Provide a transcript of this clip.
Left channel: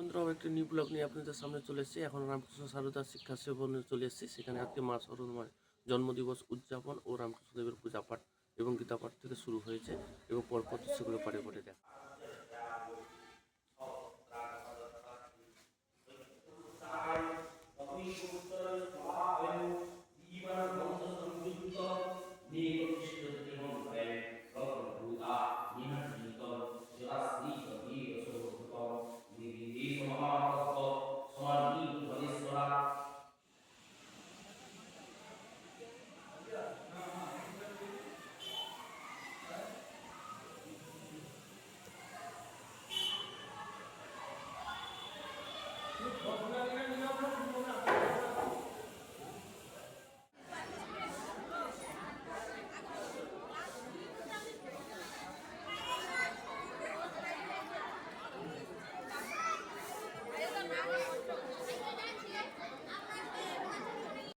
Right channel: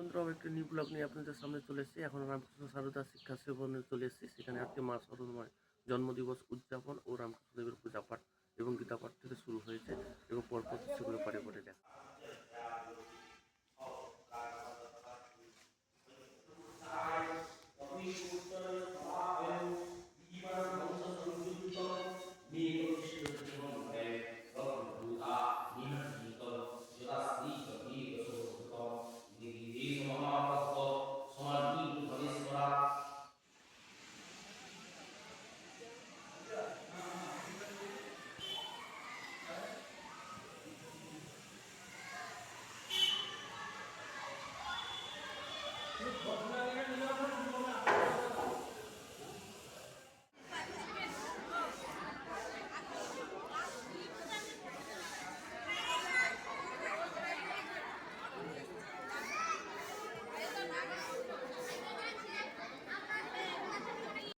বন্ধুরাও একটি new blog নিয়ে আপনাদের সামনে চলে এসেছি। এখন রামকৃষ্ণ সারদা শিক্ষা সেবনে চলে এসেছি। সেখানে আজকে মা সরদামায়ের জন্মদিবস উদযাপন ও রামকৃষ্ণদেবের পূজা পাঠ এবং গীতা পাঠ থেকে শুরু হয়েছে এবং পরপর সেগুলো পাঠে পাঠে দেখা।